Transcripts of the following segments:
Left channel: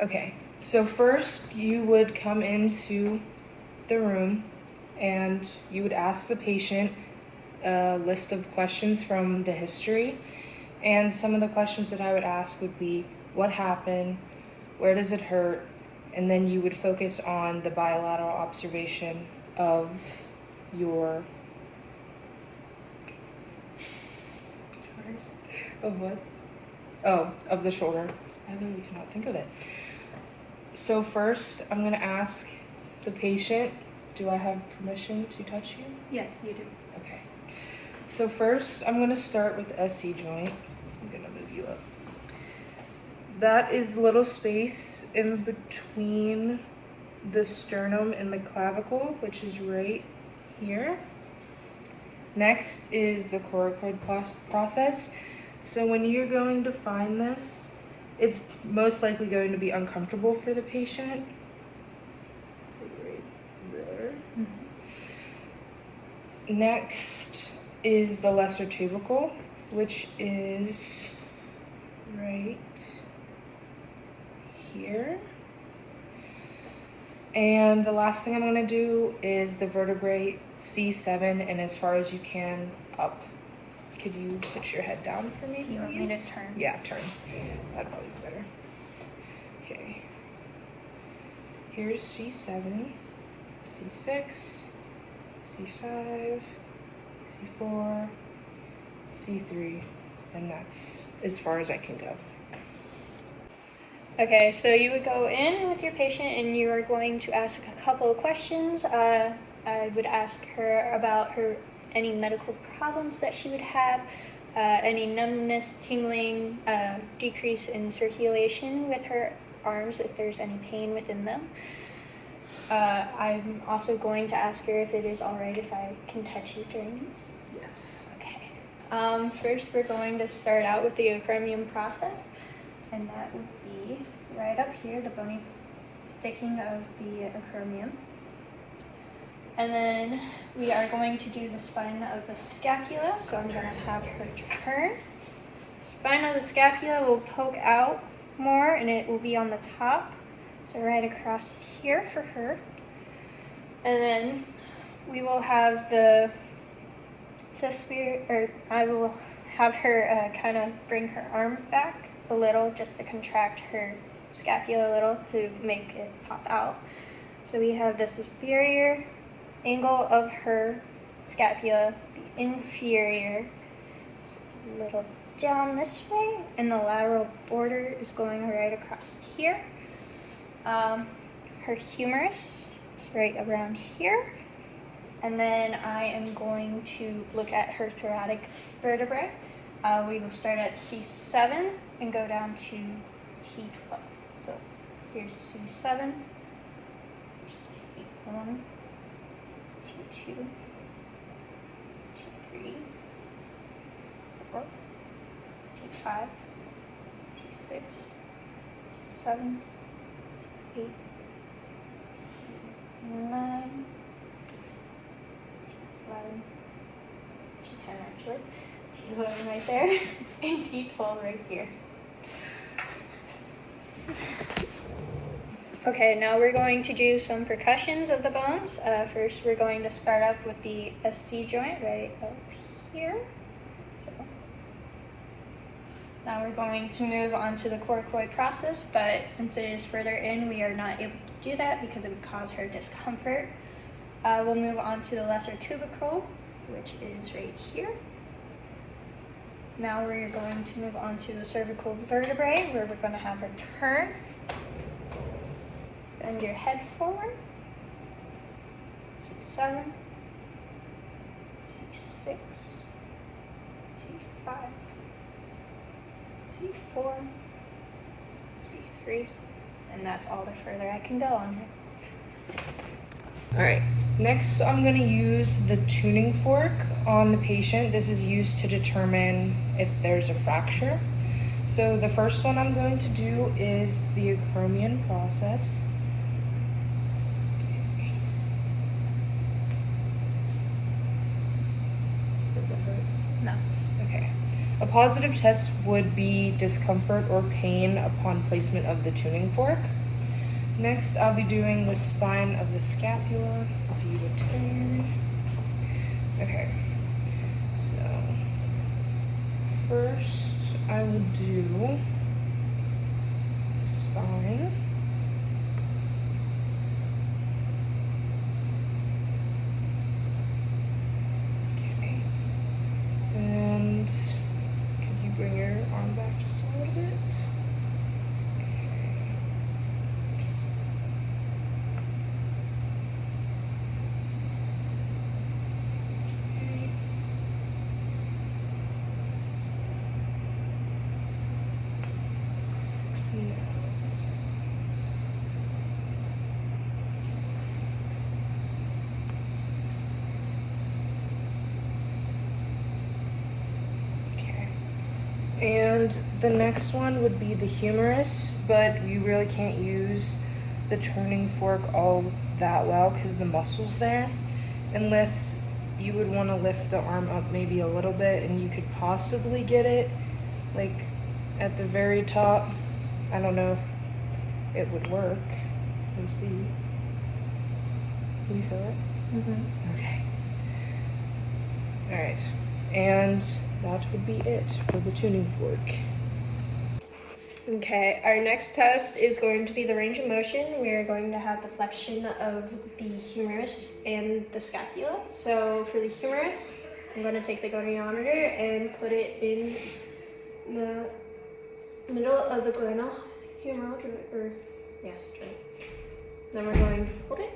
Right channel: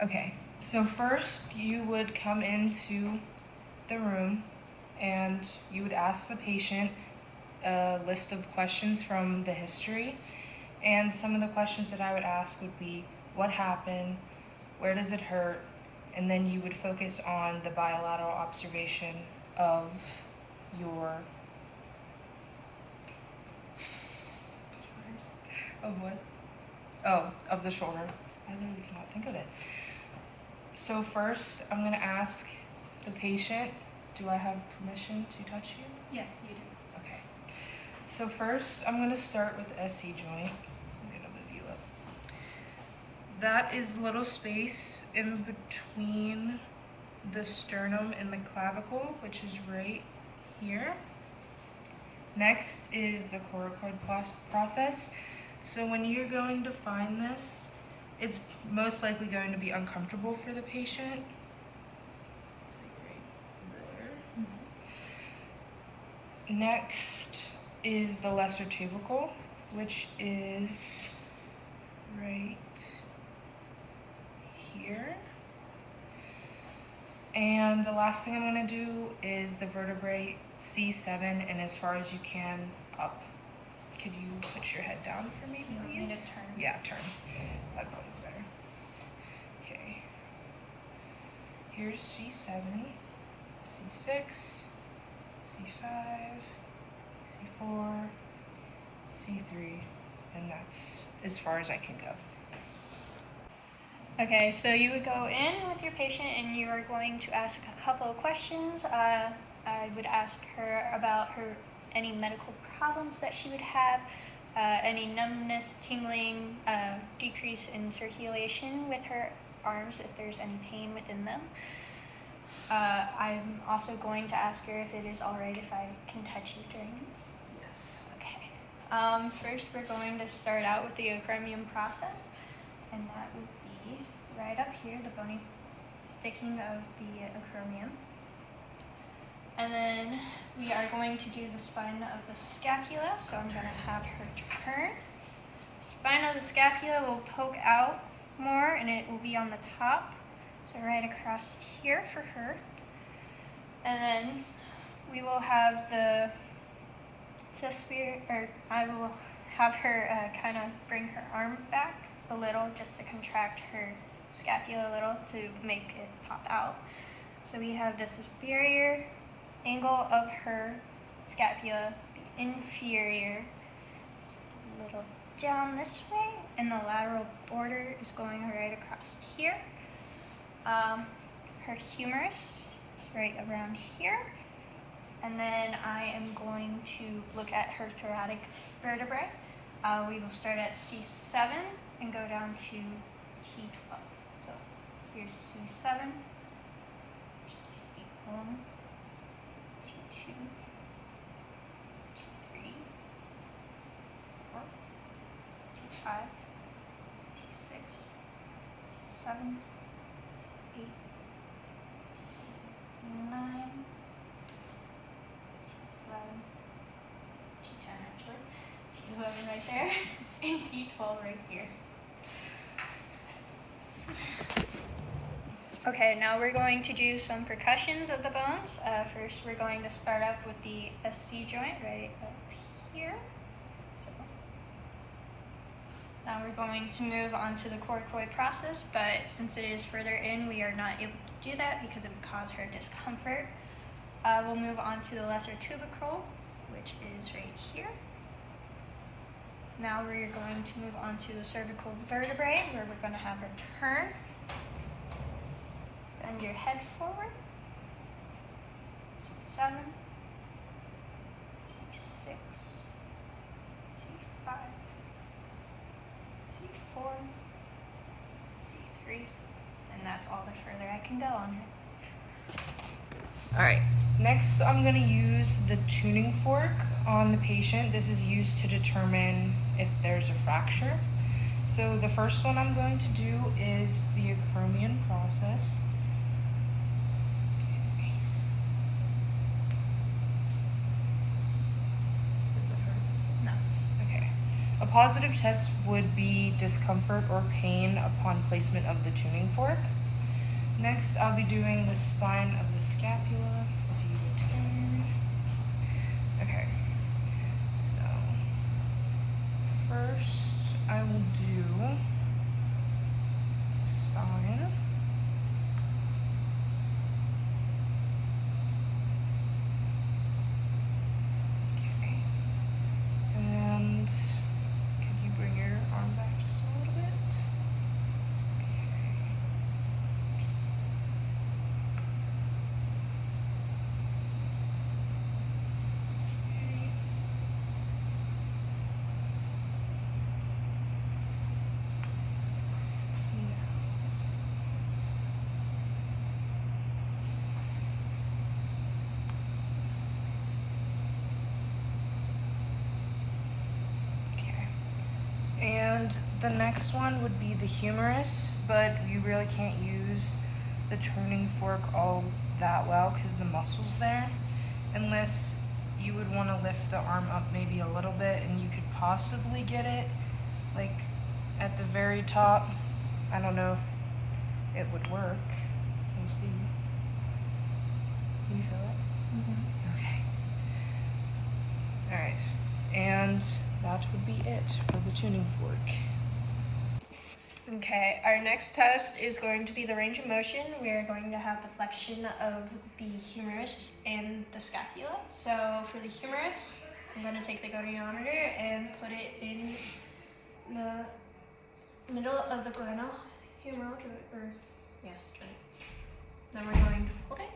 Okay, so first you would come into the room and you would ask the patient a list of questions from the history. And some of the questions that I would ask would be, what happened? Where does it hurt? And then you would focus on the bilateral observation of your... Of what? Oh, of the shoulder. I literally cannot think of it. So first, I'm gonna ask the patient, do I have permission to touch you? Yes, you do. Okay. So first, I'm gonna start with the SC joint. I'm gonna move you up. That is a little space in between the sternum and the clavicle, which is right here. Next is the coracoid process. So when you're going to find this, it's most likely going to be uncomfortable for the patient. It's like right there. Mm-hmm. Next is the lesser tubercle, which is right here. And the last thing I'm gonna do is the vertebrae C7 and as far as you can up. Could you put your head down for me? Do you want me to turn? Yeah, turn. That'd probably be better. Okay. Here's C7, C6, C5, C4, C3, and that's as far as I can go. Okay, so you would go in with your patient and you are going to ask a couple of questions. I would ask her about any medical problems that she would have, any numbness, tingling, decrease in circulation with her arms if there's any pain within them. I'm also going to ask her if it is all right if I can touch you during this. Yes. Okay. First, we're going to start out with the acromion process, and that would be right up here, the bony sticking of the acromion. And then we are going to do the spine of the scapula, so I'm going to have her turn. The spine of the scapula will poke out more, and it will be on the top, so right across here for her. And then we will have the I will have her kind of bring her arm back a little just to contract her scapula a little to make it pop out. So we have the superior angle of her scapula, the inferior a little down this way, and the lateral border is going right across here. Her humerus is right around here. And then I am going to look at her thoracic vertebrae. We will start at C7 and go down to T12. So here's C7, T1, T2, T3, 4, T5, T6, T7, T8, T9, T11, T10 actually, T11 right there, and T12 right here. Okay, now we're going to do some percussions of the bones. First, we're going to start up with the SC joint right up here. So now we're going to move on to the coracoid process, but since it is further in, we are not able to do that because it would cause her discomfort. We'll move on to the lesser tubercle, which is right here. Now we're going to move on to the cervical vertebrae, where we're going to have her turn. Bend your head forward. C7, C6, C5, C4, C3, and that's all the further I can go on it. All right, next I'm gonna use the tuning fork on the patient. This is used to determine if there's a fracture. So the first one I'm going to do is the acromion process. Okay. Does that hurt? No. Okay. A positive test would be discomfort or pain upon placement of the tuning fork. Next, I'll be doing the spine of the scapula, if you would turn. Okay, so first I will do spine. Okay, and could you bring your arm back just a little bit? And the next one would be the humerus, but you really can't use the turning fork all that well because the muscle's there, unless you would want to lift the arm up maybe a little bit and you could possibly get it like at the very top. I don't know if it would work. Let me see. Can you feel it? Mm-hmm. Okay. All right. And that would be it for the tuning fork. Okay, our next test is going to be the range of motion. We are going to have the flexion of the humerus and the scapula. So for the humerus, I'm going to take the goniometer and put it in the middle of the glenohumeral joint, joint. Then we're going to hold it.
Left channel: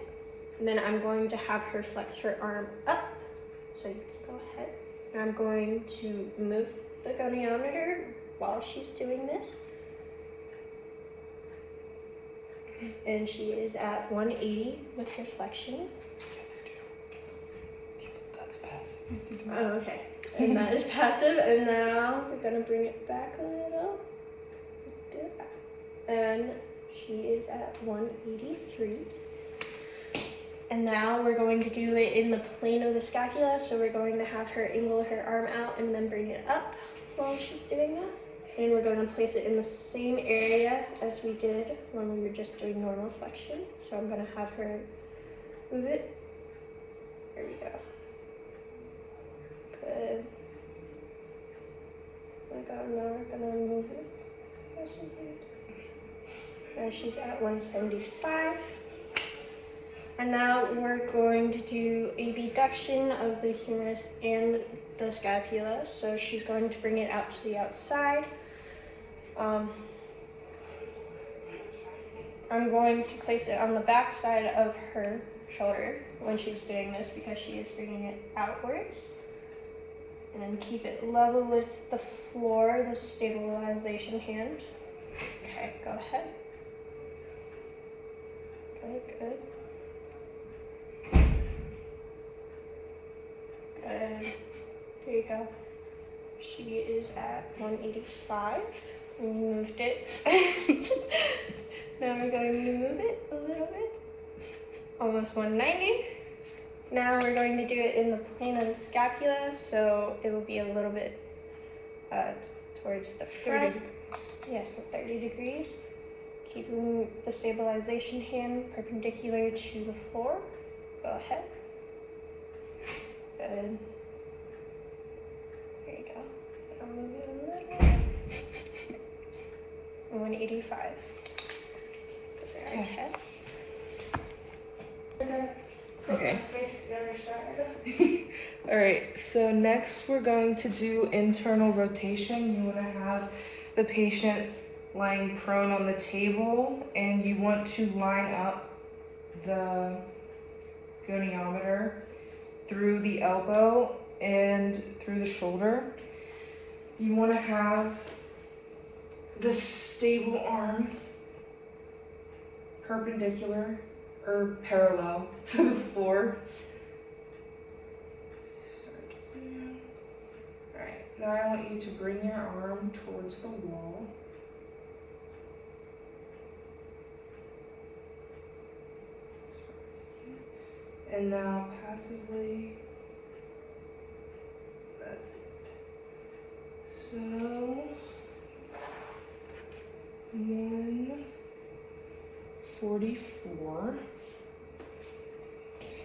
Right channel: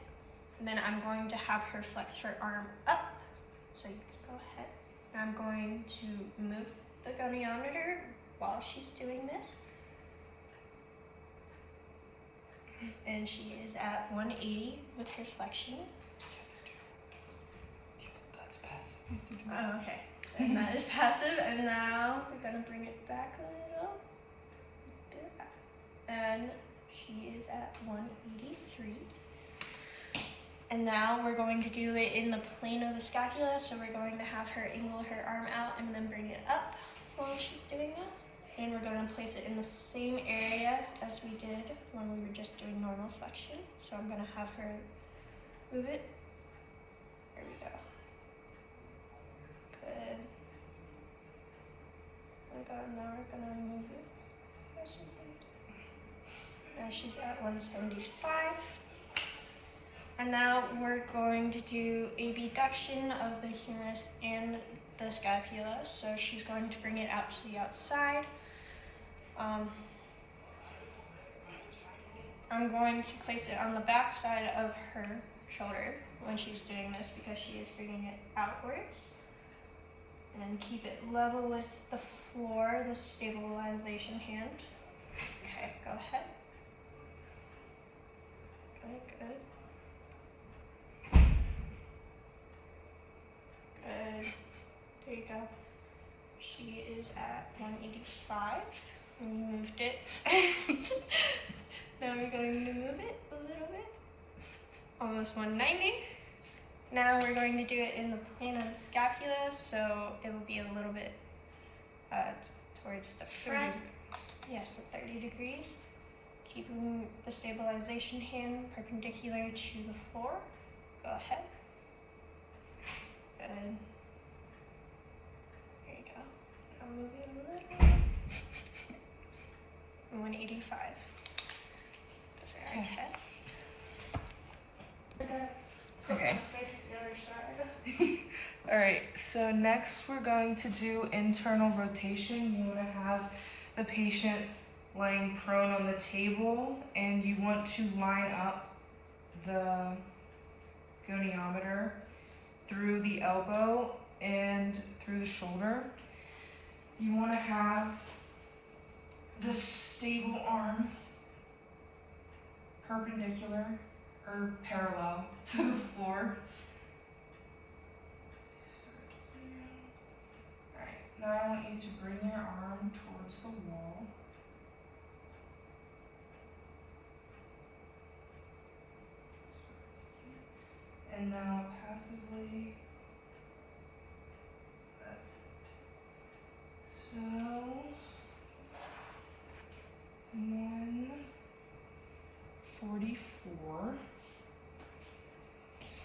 And then I'm going to have her flex her arm up. So you can go ahead. And I'm going to move the goniometer while she's doing this. And she is at 180 with her flexion. That's passive. Oh, okay. And that is passive. And now we're gonna bring it back a little. And she is at 183. And now we're going to do it in the plane of the scapula. So we're going to have her angle her arm out and then bring it up while she's doing that. And we're going to place it in the same area as we did when we were just doing normal flexion. So I'm going to have her move it. There we go. Good. Now we're going to move it. And she's at 175. And now we're going to do a deduction of the humerus and the scapula. So she's going to bring it out to the outside. I'm going to place it on the back side of her shoulder when she's doing this because she is bringing it outwards. And keep it level with the floor, the stabilization hand. Okay, go ahead. Good. Good. There you go. She is at 185. We moved it. Now we're going to move it a little bit. Almost 190. Now we're going to do it in the plane of the scapula, so it will be a little bit towards the front. 30. Yes, 30 degrees. Keeping the stabilization hand perpendicular to the floor. Go ahead. Good. There you go. I'll move it a little. 185. Those are our tests. Okay. All right, so next we're going to do internal rotation. You want to have the patient lying prone on the table and you want to line up the goniometer through the elbow and through the shoulder. You want to have the stable arm perpendicular or parallel to the floor. Alright, now I want you to bring your arm towards the wall. And now passively, that's it. So 144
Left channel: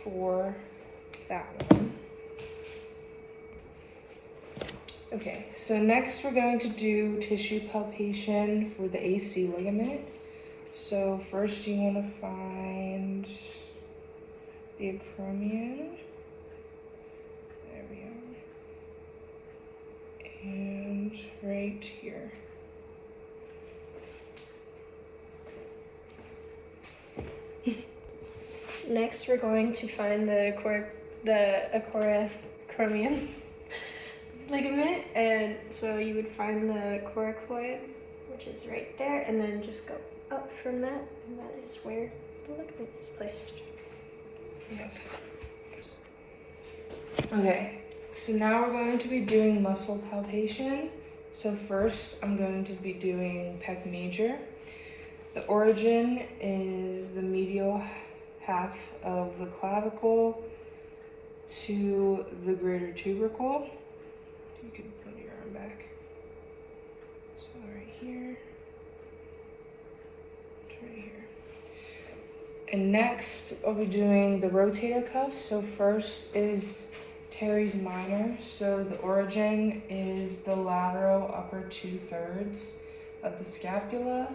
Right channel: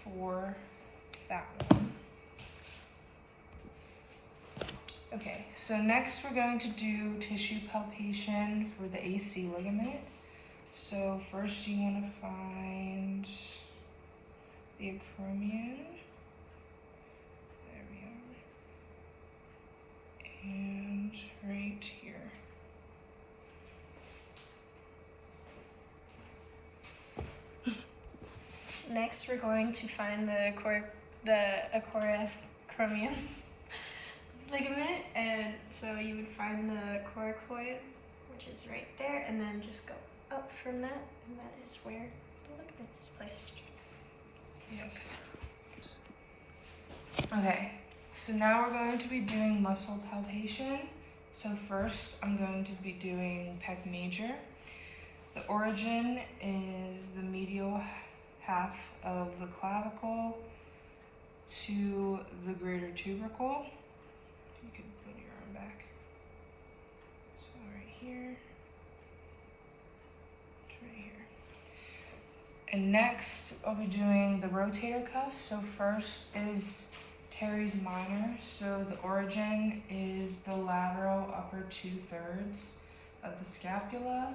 for that one. Okay, so next we're going to do tissue palpation for the AC ligament. So first you want to find the acromion. There we are. And right here. Next, we're going to find the acromion ligament, and so you would find the coracoid, which is right there, and then just go up from that, and that is where the ligament is placed. Yes. Okay, so now we're going to be doing muscle palpation. So first, I'm going to be doing pec major. The origin is the medial half of the clavicle to the greater tubercle. You can put your arm back. So right here, it's right here. And next, I'll be doing the rotator cuff. So first is teres minor. So the origin is the lateral upper 2/3 of the scapula.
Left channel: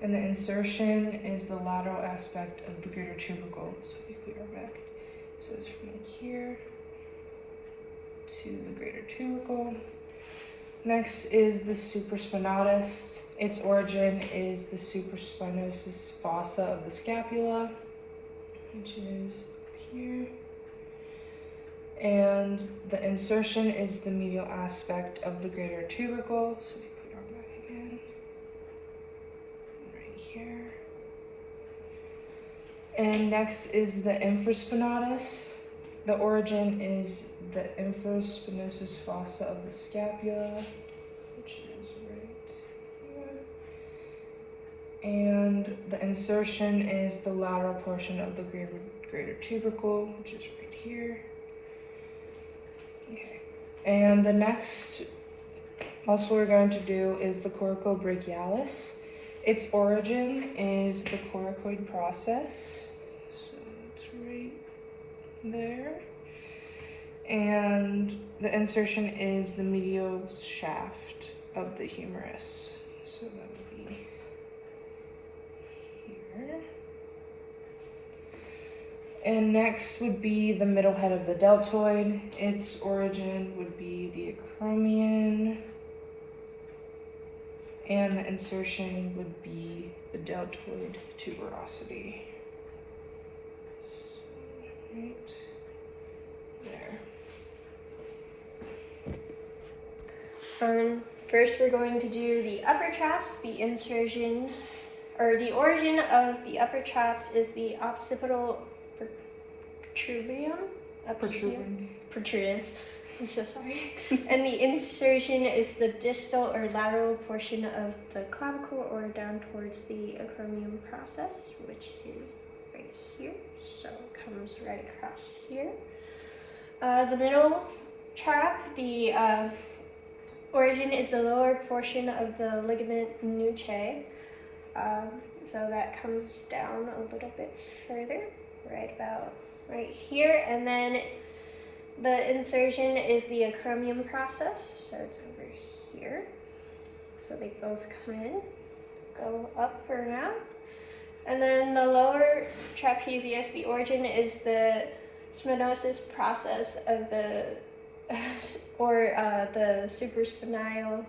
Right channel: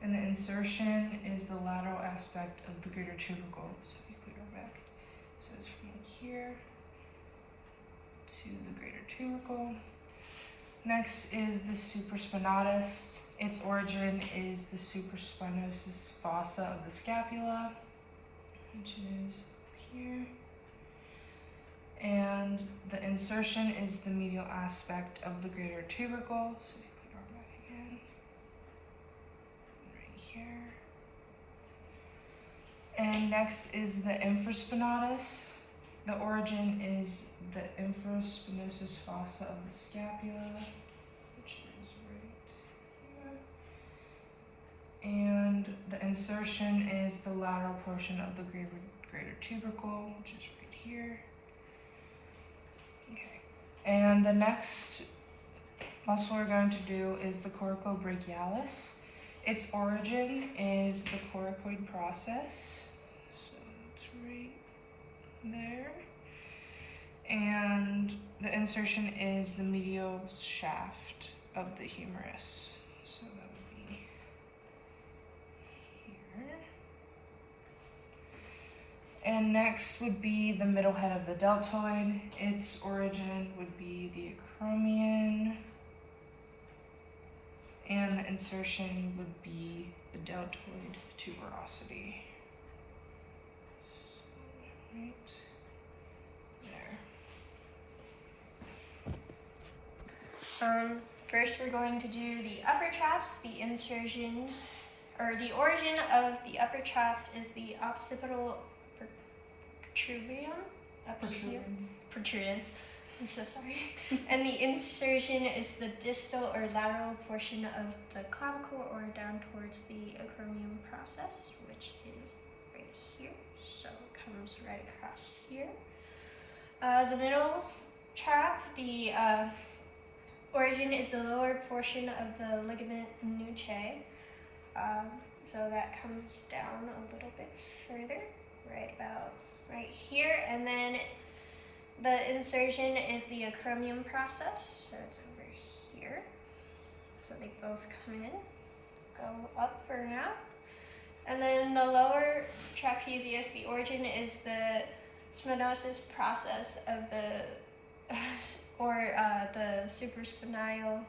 And the insertion is the lateral aspect of the greater tubercle. So if you put your arm back. So it's from here to the greater tubercle. Next is the supraspinatus. Its origin is the supraspinosus fossa of the scapula, which is here. And the insertion is the medial aspect of the greater tubercle. So you put your arm back again. Right here. And next is the infraspinatus. The origin is the infraspinosus fossa of the scapula, which is right here. And the insertion is the lateral portion of the greater tubercle, which is right here. Okay. And the next muscle we're going to do is the coracobrachialis. Its origin is the coracoid process. So it's right there. And the insertion is the medial shaft of the humerus. So that would be here. And next would be the middle head of the deltoid. Its origin would be the acromion. And the insertion would be the deltoid tuberosity. So, right there. First, we're going to do the upper traps. The insertion, or the origin of the upper traps is the occipital protrudence. I'm so sorry. And the insertion is the distal or lateral portion of the clavicle or down towards the acromion process, which is right here. So it comes right across here. The middle trap, the origin is the lower portion of the ligament nuchae. So that comes down a little bit further, right about right here. And then the insertion is the acromion process, so it's over here. So they both come in, go up or down. And then the lower trapezius, the origin is the spinosus process of the, the supraspinal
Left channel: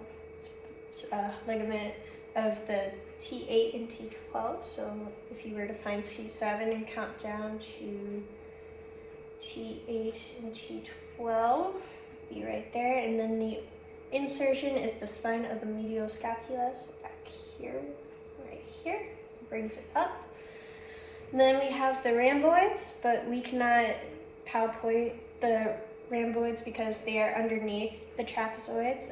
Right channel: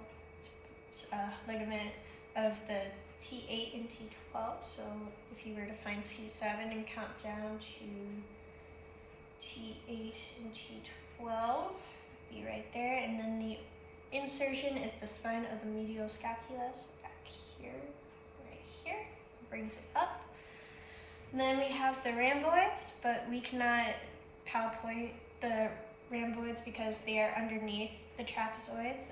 ligament of the T8 and T12. So if you were to find C7 and count down to T8 and T12, be right there. And then the insertion is the spine of the medial scapula, so back here, right here, brings it up. And then we have the rhomboids, but we cannot palpate the rhomboids because they are underneath the trapezoids.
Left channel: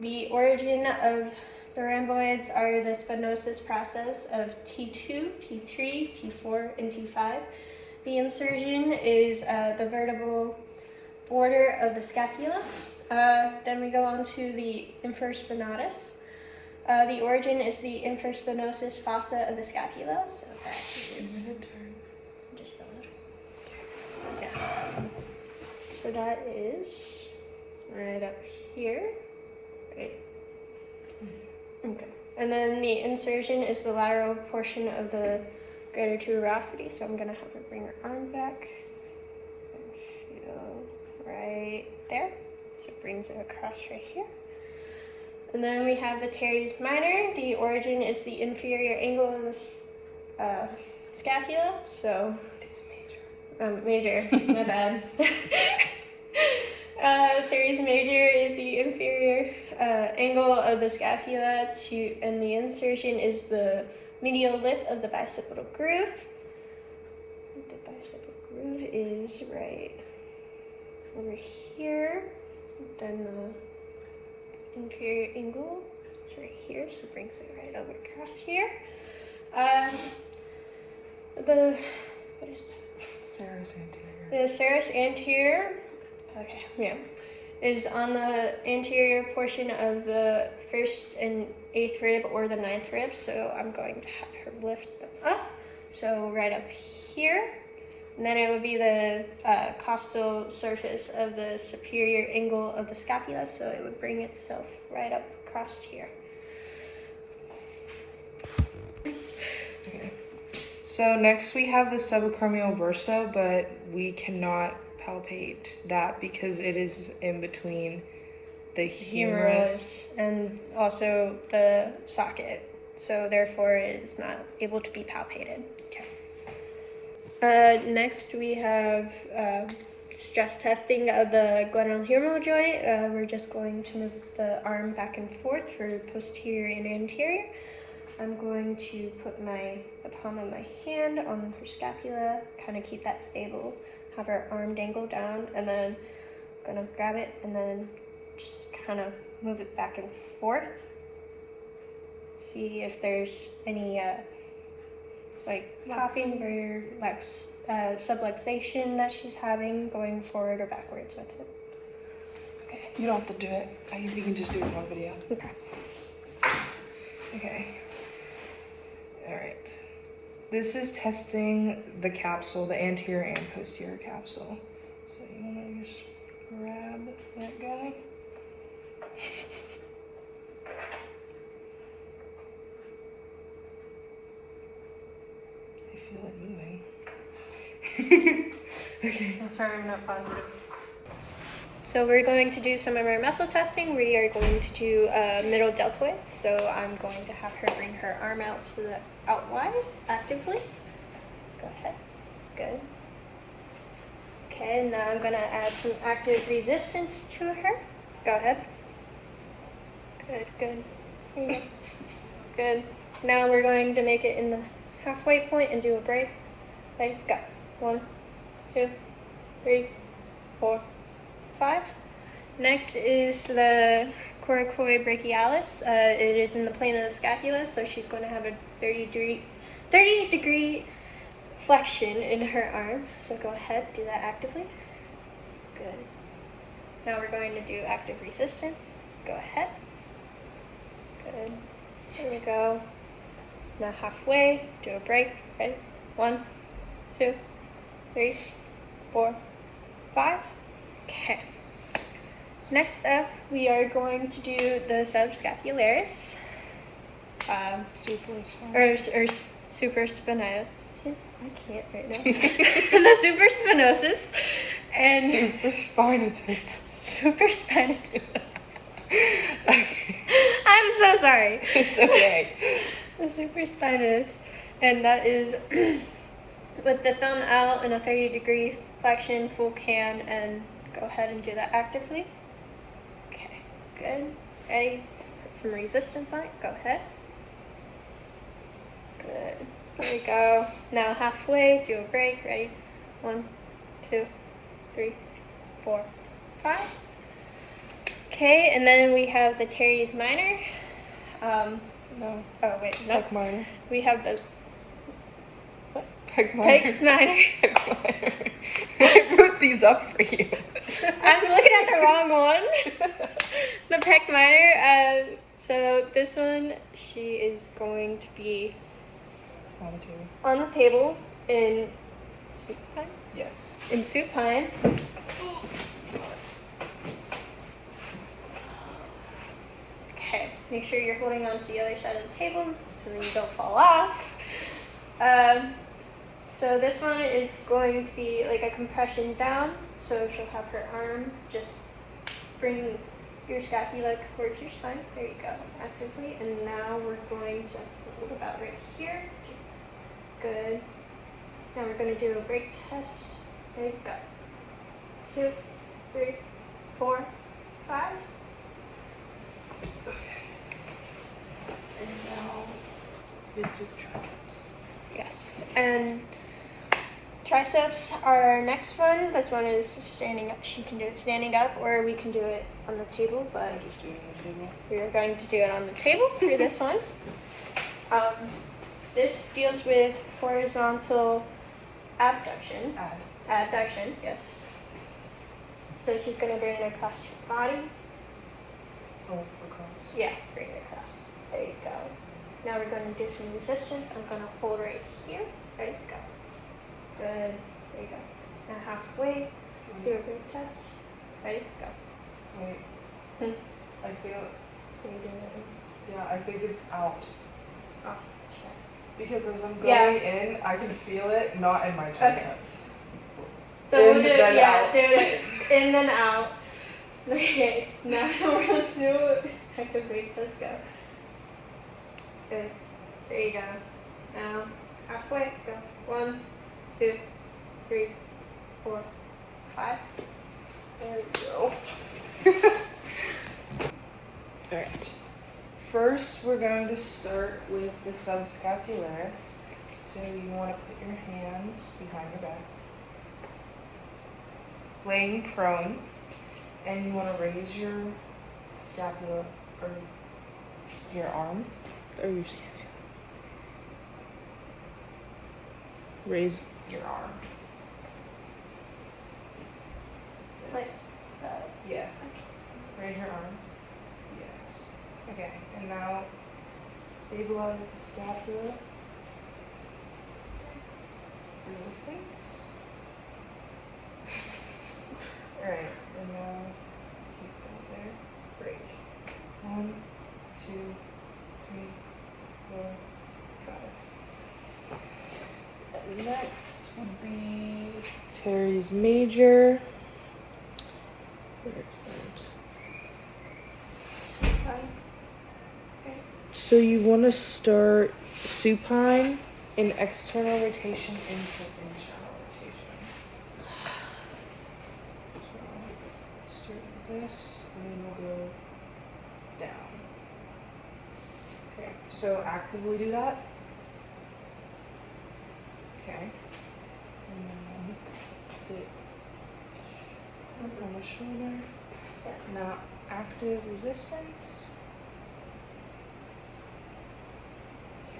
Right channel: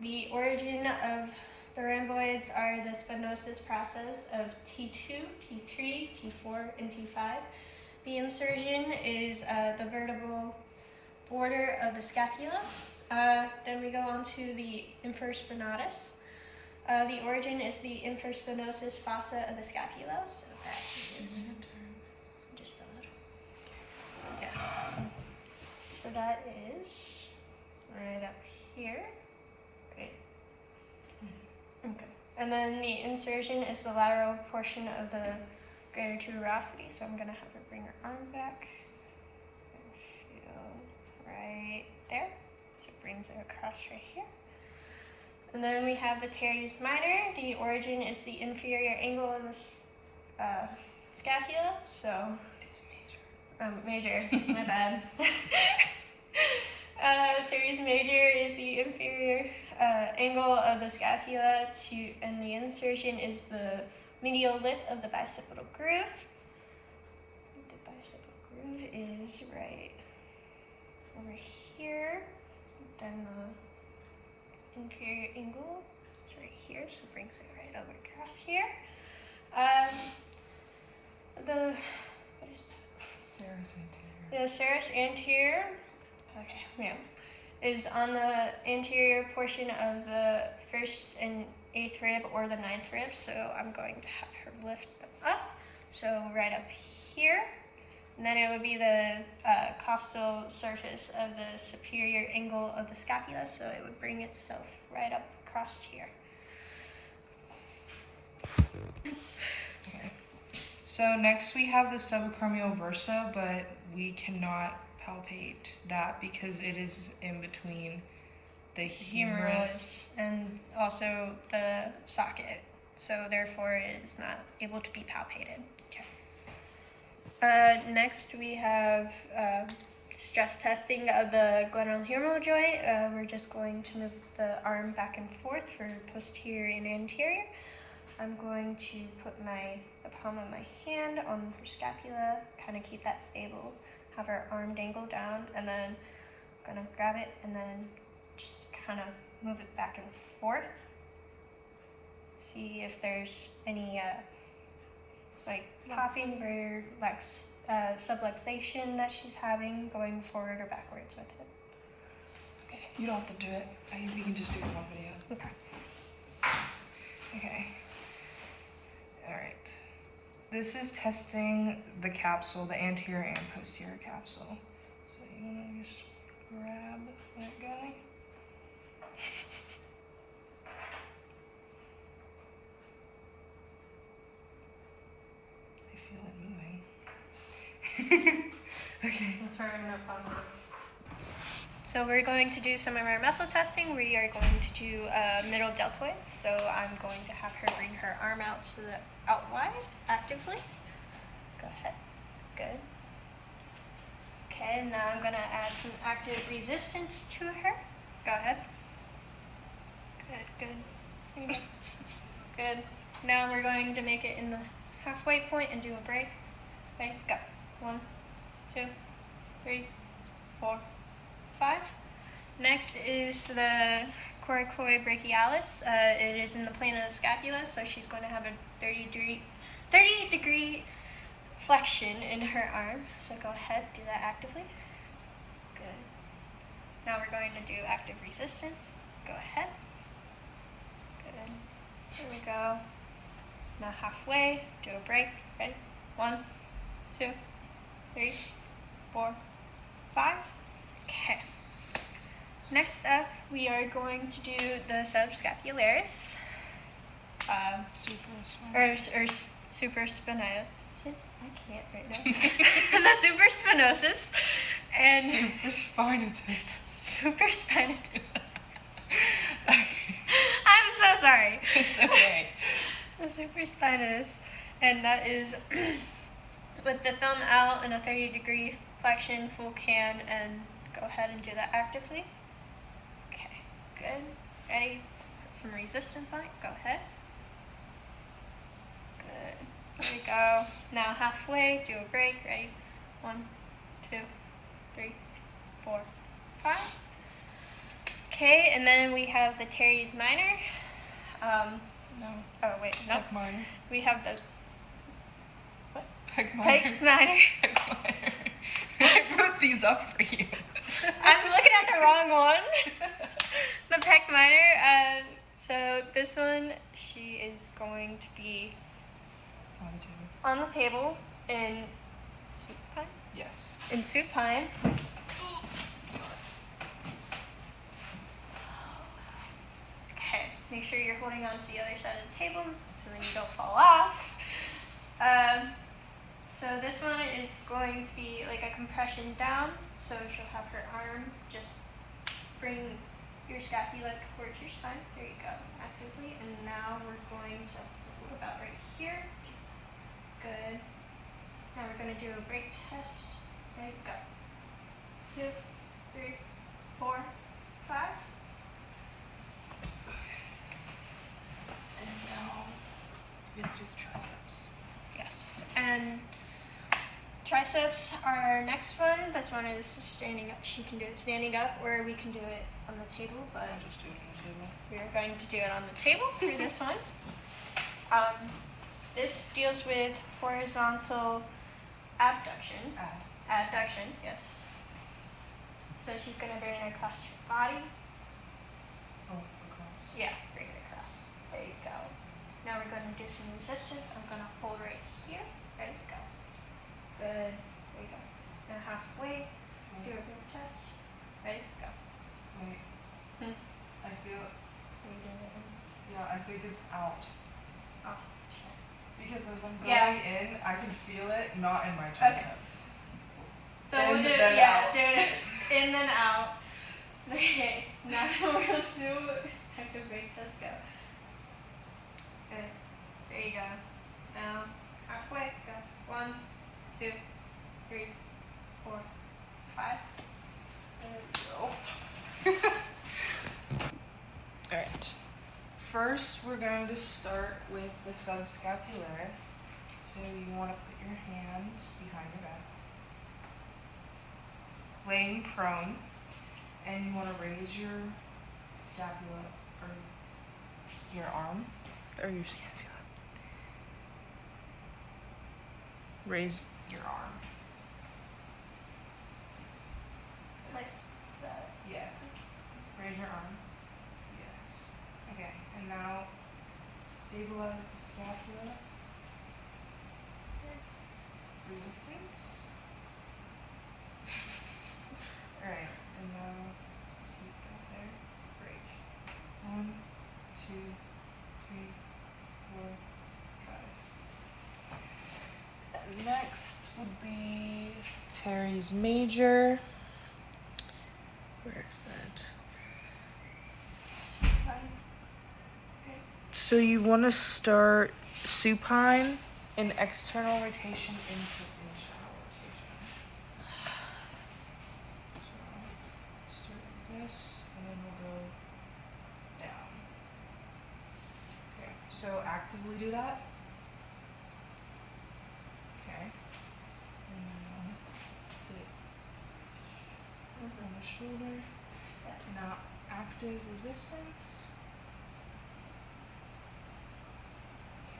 The origin of the rhomboids are the spinosus process of T2, P3, P4, and T5. The insertion is the vertebral border of the scapula. Then we go on to the infraspinatus. The origin is the infraspinosus fossa of the scapula. So that is just a little. Yeah. So that is right up here. Right. Okay. And then the insertion is the lateral portion of the greater tuberosity. So I'm gonna have her bring her arm back and feel right there. So it brings it across right here. And then we have the teres minor. The origin is the inferior angle of the scapula. So It's major. Major, my bad. Teres major is the inferior angle of the scapula and the insertion is the medial lip of the bicipital groove. The bicipital groove is right over here. Then the inferior angle is right here, so it brings it right over across here. What is that? Serous anterior. The serous anterior, okay, yeah, is on the anterior portion of the 1st and 8th rib or the 9th rib. So I'm going to have her lift them up. So right up here, and then it would be the costal surface of the superior angle of the scapula. So it would bring itself right up across here. Okay. So next we have the subacromial bursa, but we cannot palpate that because it is in between the humerus and also the socket. So therefore it is not able to be palpated. Okay. Next we have stress testing of the glenohumeral joint. We're just going to move the arm back and forth for posterior and anterior. I'm going to put the palm of my hand on her scapula, kind of keep that stable, have her arm dangle down, and then I'm gonna grab it and then just kind of move it back and forth. See if there's any like popping or like subluxation that she's having going forward or backwards with it. Okay. You don't have to do it. We can just do it on video. Okay. Okay. All right. This is testing the capsule, the anterior and posterior capsule. So you want to just grab that guy. I feel it moving. Okay. I'm sorry, I'm not positive. So we're going to do some of our muscle testing. We are going to do middle deltoids. So I'm going to have her bring her arm out out wide actively. Go ahead. Good. Okay, now I'm gonna add some active resistance to her. Go ahead. Good, good. Here you go. Good. Now we're going to make it in the halfway point and do a break. Ready? Go. 1, 2, 3, 4, 5. Next is the coracoid brachialis. It is in the plane of the scapula, so she's going to have a 30 degree flexion in her arm. So go ahead, do that actively. Good. Now we're going to do active resistance. Go ahead. Good. There we go. Now halfway, do a break. Ready? 1, 2, 3, 4, 5. Okay. Next up, we are going to do the subscapularis, supraspinatus. I can't right now. The supraspinosus and supraspinatus. Supraspinatus. I'm so sorry. It's okay. The supraspinatus, and that is with the thumb out in a 30 degree flexion, full can, and go ahead and do that actively. Okay, good. Ready? Put some resistance on it. Go ahead. Good. There we go. Now halfway, do a break. Ready? 1, 2, 3, 4, 5. Okay, and then we have the teres minor. No. Oh wait, It's no. minor. We have the What? Pec Pec minor. I wrote these up for you. I'm looking at the wrong one. The pec minor. So this one, she is going to be On the table. on the table in supine. Yes. In supine. Okay, make sure you're holding on to the other side of the table so then you don't fall off. So this one is going to be like a compression down. So she'll have her arm just bring your scapula towards your spine. There you go, actively. And now we're going to hold about right here. Good. Now we're going to do a break test. There you go. 2, 3, 4, 5. And now let's do the triceps. Yes. And triceps are our next one. This one is standing up. She can do it standing up, or we can do it on the table, but I'll just do it on the table. we're going to do it on the table for this one. This deals with horizontal abduction. Adduction, yes. So she's going to bring it across your body. Oh, across. Yeah, bring it across. There you go. Now we're going to do some resistance. I'm going to hold right here. There you go. Good. There you go. Now halfway. Do a break test. Ready? Go. Wait. I feel. Can you do it? Yeah, I think it's out. Oh, shit. Because as I'm going Yeah. in, I can feel it, not in my tricep. Okay. So In, we'll do it, then yeah, out. do it in then out. Okay, now we're going to do active break test. Go. Good. There you go. Now halfway. Go. 1, 2, 3, 4, 5. There we go. Alright. First, we're going to start with the subscapularis. So you want to put your hands behind your back, laying prone, and you want to raise your scapula, or your arm, or your scapula. Raise your arm. Like, Yeah. Raise your arm. Yes. Okay, and now stabilize the scapula. Resistance. Alright, and now sleep down there. Break. 1, 2, 3, 4, 5. And next would be teres major. Where is that? So you want to start supine in external rotation into internal rotation. So start with this, and then we'll go down. Okay, so actively do that. Okay. And then see up on the shoulder. Now active resistance.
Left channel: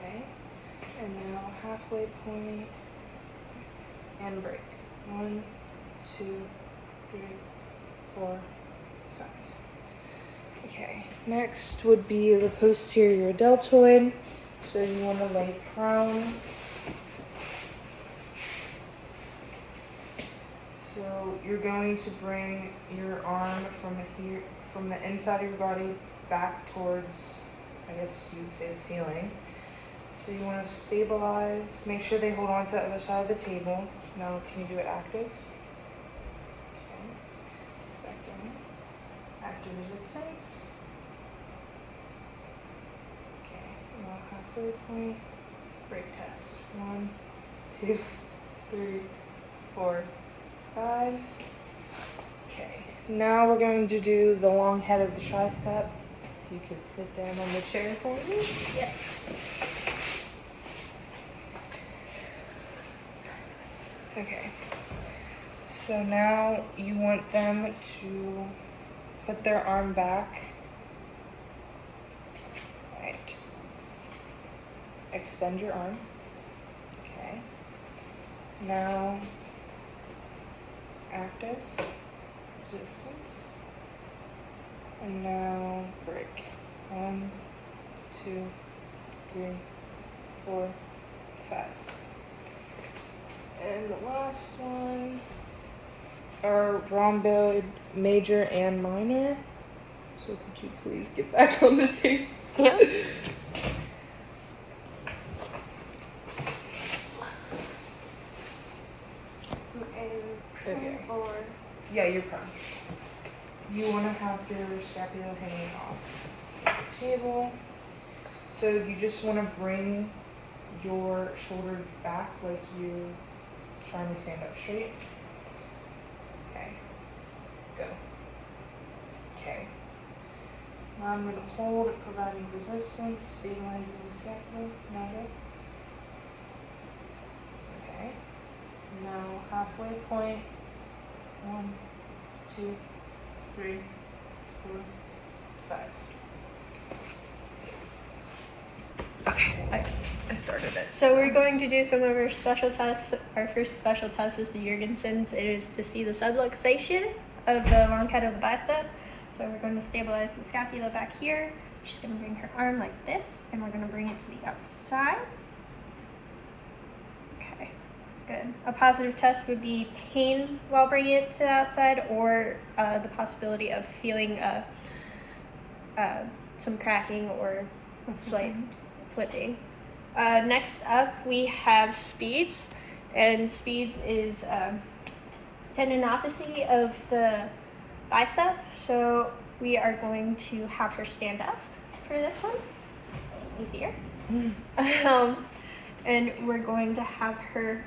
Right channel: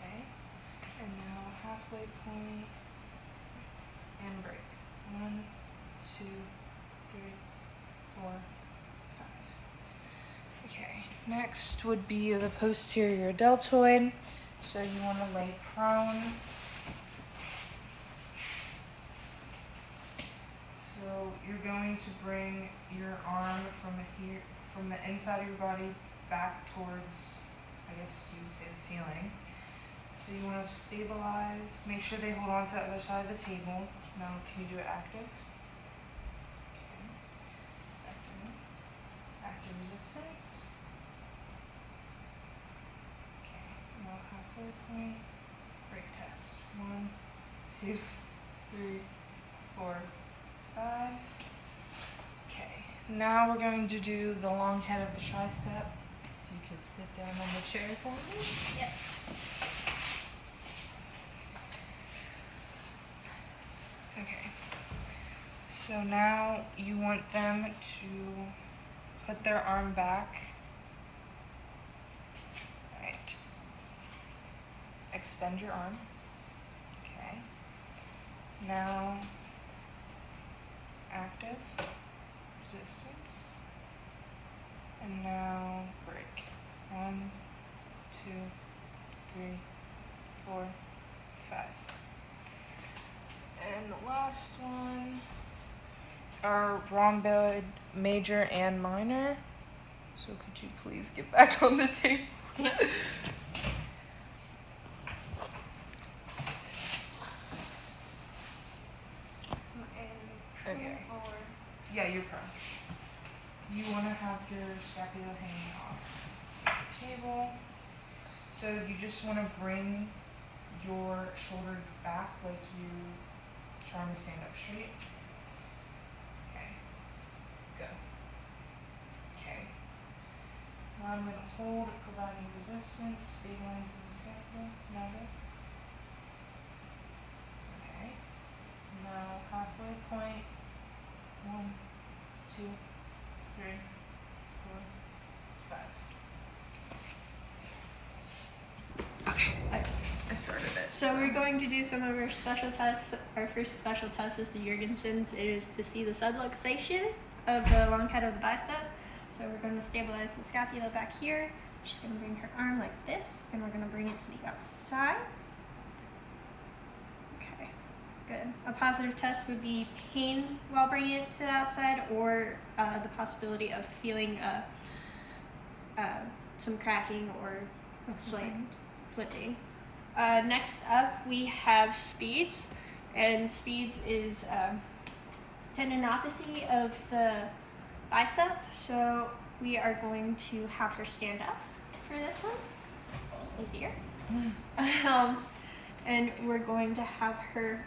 Okay. And now halfway point and break. 1, 2, 3, 4, 5. Okay. Next would be the posterior deltoid. So you want to lay prone. So you're going to bring your arm from the inside of your body back towards, I guess you would say, the ceiling. So you want to stabilize, make sure they hold on to the other side of the table. Now can you do it active? Okay, back down. Active resistance. Okay, now halfway point, break test. 1, 2, 3, 4, 5. Okay, now we're going to do the long head of the tricep. If you could sit down on the chair for me. Yeah. Okay, so now you want them to put their arm back. Right. Extend your arm. Okay. Now, active, resistance, and now break. 1, 2, 3, 4, 5. And the last one are rhomboid major and minor. So could you please get back on the table? Yeah. Okay. Or Yeah, you're prone. You want to have your scapula hanging off the table. So you just want to bring your shoulders back like you're trying to stand up straight. Okay. Go. Okay. Now I'm going to hold it, providing resistance, stabilizing the scapula. Now go. Okay. Now halfway point. 1, 2, 3, 4, 5. Okay, I started it. So we're going to do some of our special tests. Our first special test is the Jorgensen's. It is to see the subluxation of the long head of the bicep. So we're going to stabilize the scapula back here. She's going to bring her arm like this, and we're going to bring it to the outside. Okay, good. A positive test would be pain while bringing it to the outside, or the possibility of feeling some cracking or slight flipping. Next up, we have speeds, and speeds is tendinopathy of the bicep. So we are going to have her stand up for this one, easier. And we're going to have her,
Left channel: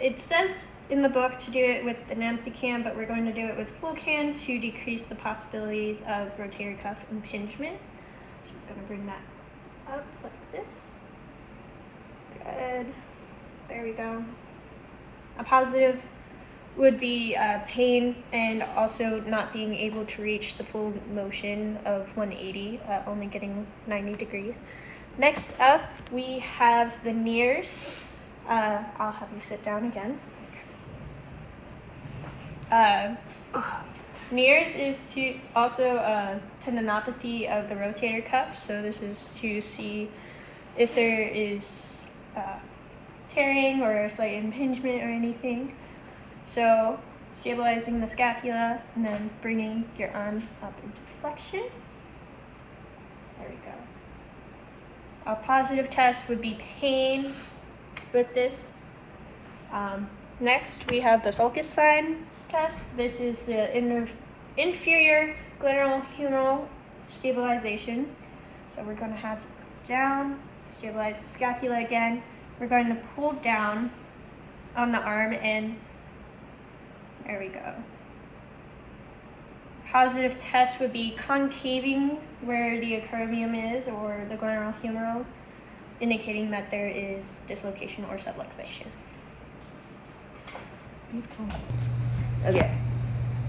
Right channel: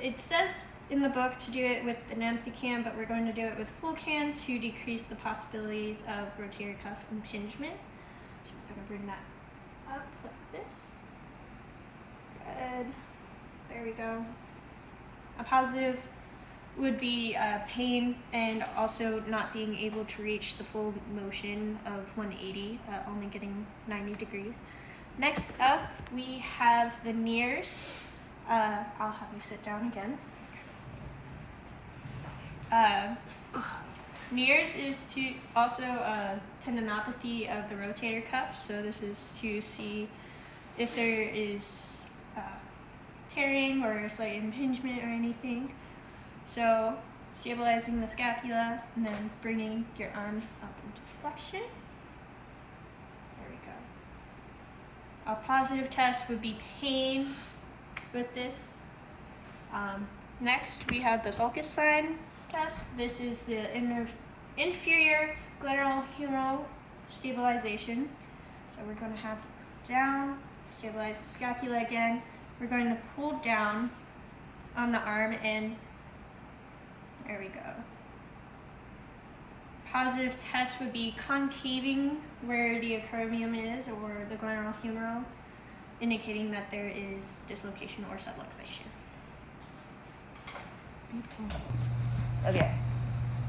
it says in the book to do it with an empty can, but we're going to do it with full can to decrease the possibilities of rotator cuff impingement. So we're going to bring that up like this. Good. There we go. A positive would be pain and also not being able to reach the full motion of 180, only getting 90 degrees. Next up, we have the knees. I'll have you sit down again. Knees is to also tendinopathy of the rotator cuff. So this is to see if there is tearing or a slight impingement or anything. So stabilizing the scapula and then bringing your arm up into flexion. There we go. A positive test would be pain with this. Next, we have the sulcus sign test. This is the inferior glenohumeral stabilization. So we're going to have you come down, stabilize the scapula again. We're going to pull down on the arm, and there we go. Positive test would be concaving where the acromion is, or the glenohumeral, indicating that there is dislocation or subluxation. Okay,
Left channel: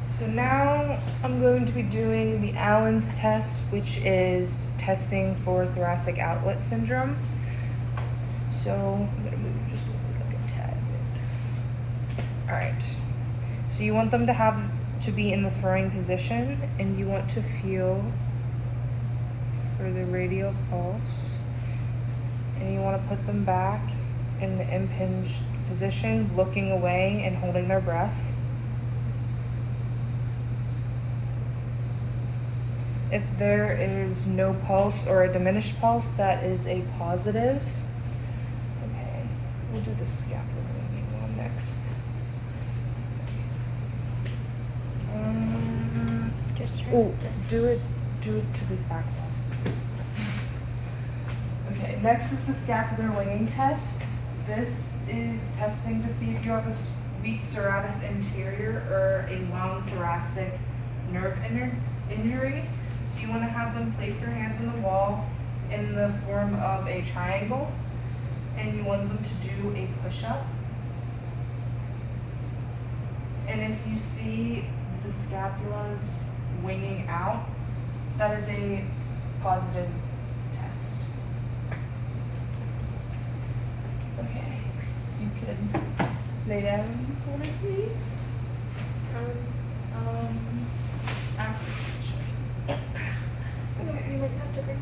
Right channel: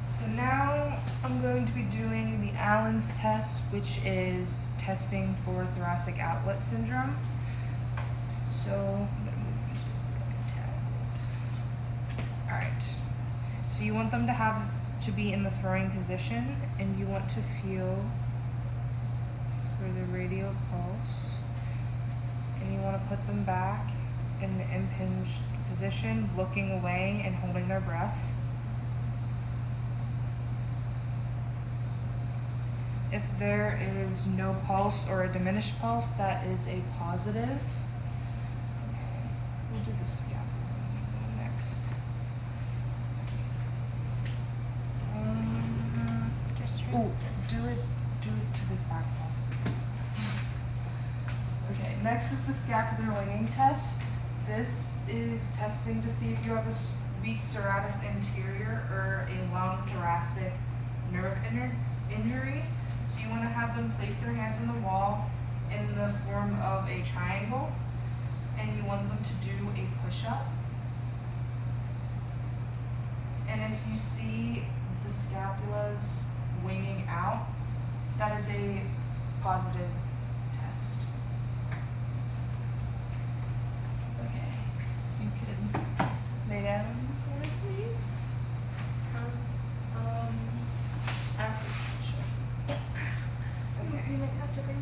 so now I'm going to be doing the Allen's test, which is testing for thoracic outlet syndrome. So I'm gonna move just over like a tad bit. All right, so you want them to be in the throwing position, and you want to feel for the radial pulse, and you want to put them back in the impinged position, looking away and holding their breath. If there is no pulse or a diminished pulse, that is a positive. Okay, we'll do the scapula one next. Do it to this back wall. Okay, next is the scapular weighing test. This is testing to see if you have a weak serratus anterior or a long thoracic nerve injury. So you want to have them place their hands on the wall in the form of a triangle, and you want them to do a push-up. And if you see the scapulas winging out, that is a positive test. Okay, you could what it means. Apprehension. Okay. You might have to bring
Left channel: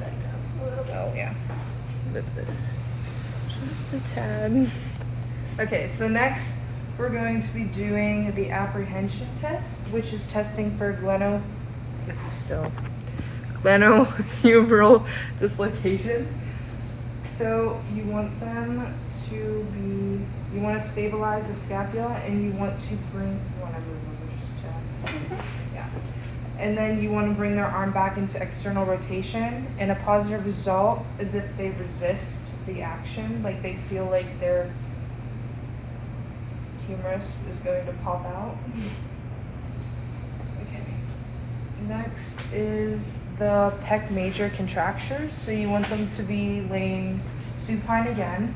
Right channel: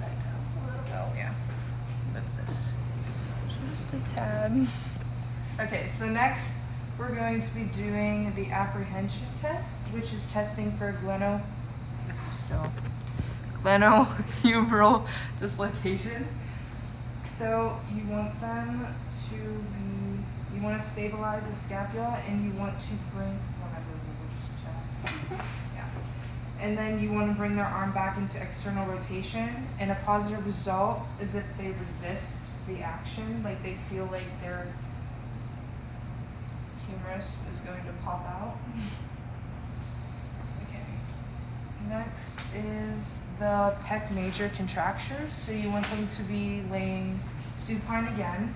that down a little bit. Oh yeah. Lift this just a tad. Okay, so next we're going to be doing the apprehension test, which is testing for glenohumeral dislocation. So you want them to be, you want to stabilize the scapula, and you want to bring, you want to move over just a tad. Yeah. And then you want to bring their arm back into external rotation, and a positive result is if they resist the action, like they feel like their humerus is going to pop out. Okay. Next is the pec major contractures. So you want them to be laying supine again.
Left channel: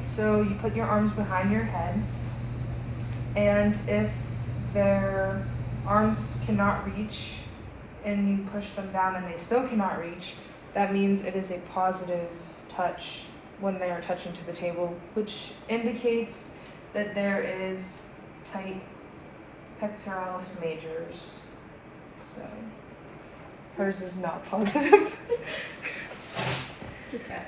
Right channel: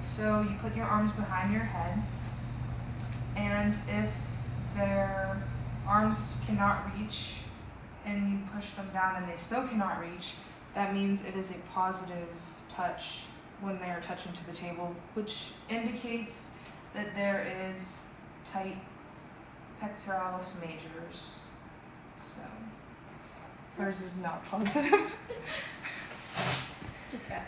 So you put your arms behind your head, and if their arms cannot reach and you push them down and they still cannot reach, that means it is a positive touch when they are touching to the table, which indicates that there is tight pectoralis majors. So hers is not positive. Okay.